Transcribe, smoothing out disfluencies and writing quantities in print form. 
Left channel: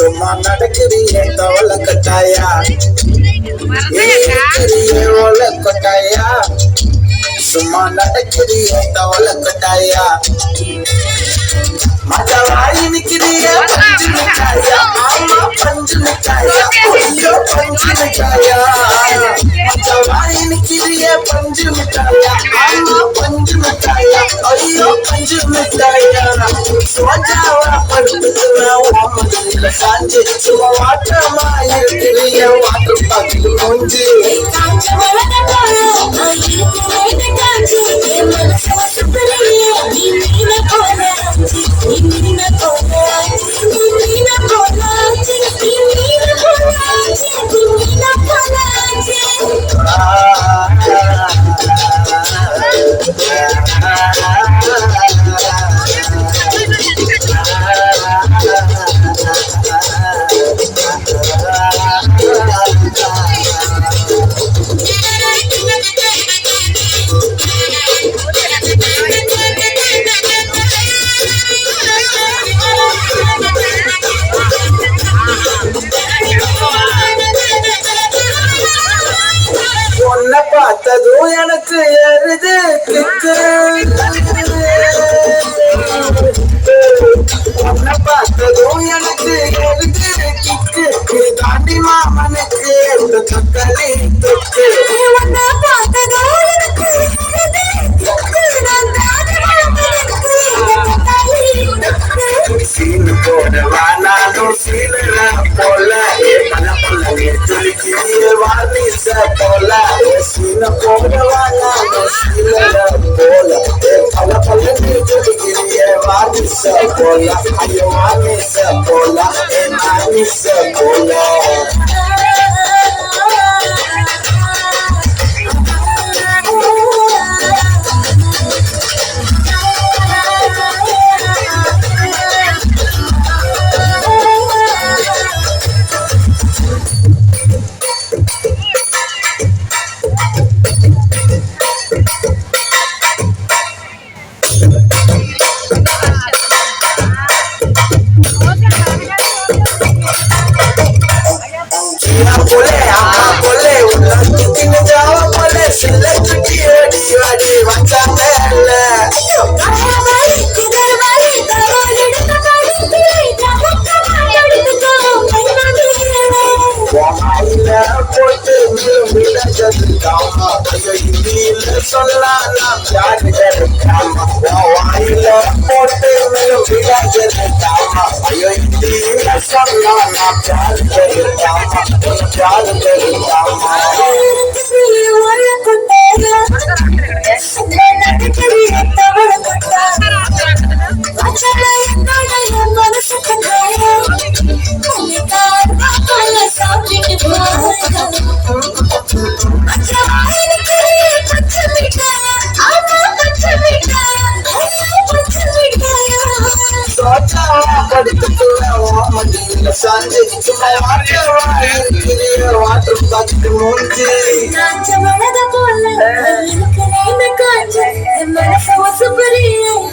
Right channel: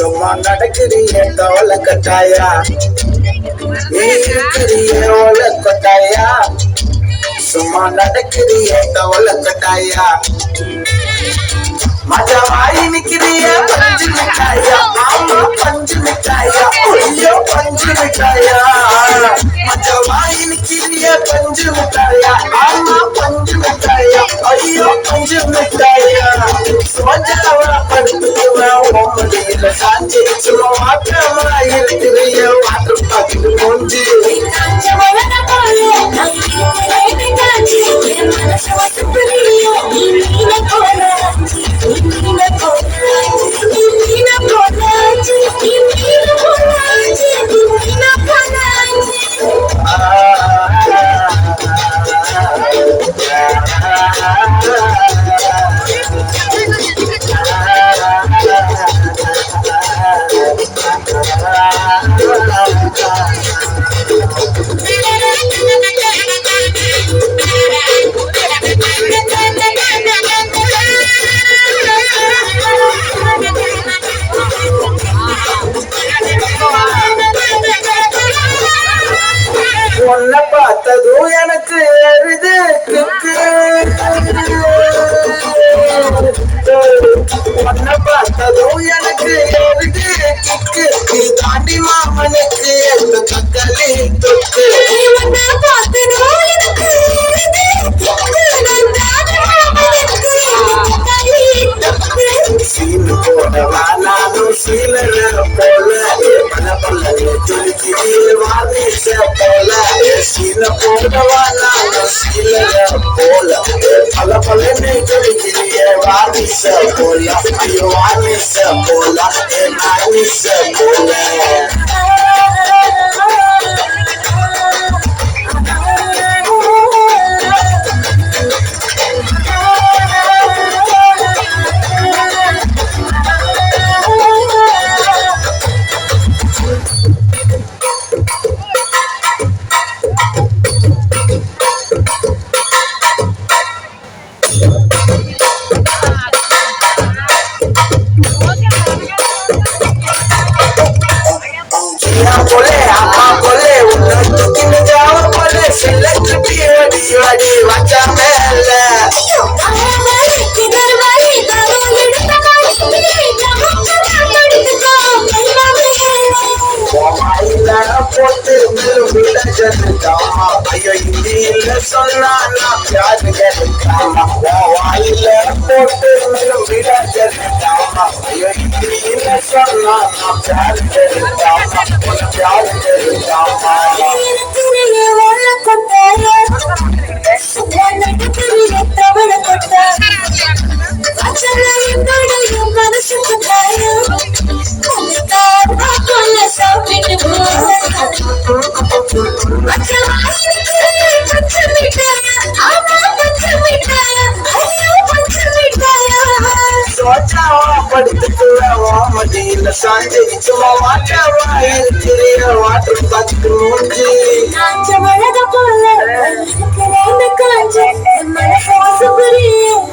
சும்மா நடக்கிறிய கவலை கட்டாயா இருக்கிறிய ஓல கொட்டாயா சும்மா நடக்கிறிய கவலை கட்டாயா மஜவாயி நிக்கிறிய பஞ்சு மிட்டாயா மாமா பஞ்சு மிட்டாயா ஐயோ பஞ்சு மிட்டாயா மஜவாயி நிக்கிறிய பஞ்சு மிட்டாயா மாமா பஞ்சு மிட்டாயா ஐயோ பஞ்சு மிட்டாயா சோஜாவா படுத்துக்குவேன் ஓமடியில சாஞ்சு சும்மா வாட்டமா இருக்கிறிய வாட்டர் பாக்கெட் மூஞ்சி உன்னை பார்த்ததும் எனக்கு எருது கிக்கு உன்னை பார்த்ததும் எனக்கு எருது கிக்கு நீ தாண்டி மாமனுக்கு எந்த தக்காளி தொக்கு சீனு போடவா நானும் சீலன போல பல பல துளிக்கிறிய வார்னிச போல சீன போடவா நானும் சீலன போல பல பல துளிக்கிறிய வார்னிச போல ஐயோ வார்னிச போல வார்னிச போல बोले आमा बोले उन्नत दिन जाव पड़े सिलक पियडी वाडी वाचा मेले भाई किधर भाई दावा लड़ता भाई जब लड़ता मेला मेला वो माइला पोते मेरे मिला जनता अयो हिंदी सुनना ना प्यार करता वो माइला पोते मेरे मिला जनता अयो हिंदी सुनना ना प्यार करता प्यार करता तेरे वाला कोटाया सुना तेरे तवड़ कोटा वाचला इंदड़ा मनस कोटाया मुनिका बापल साबित वाचवाई के पंच मिटाया आमा पंच मिटाया आयो पंच मिटाया सोचा पड़ता मदील सांझे सुमा वाटवाई किरिया वाटर पाकट मूंजी कांच मळद पोले करे न कांच मन सोस बरिये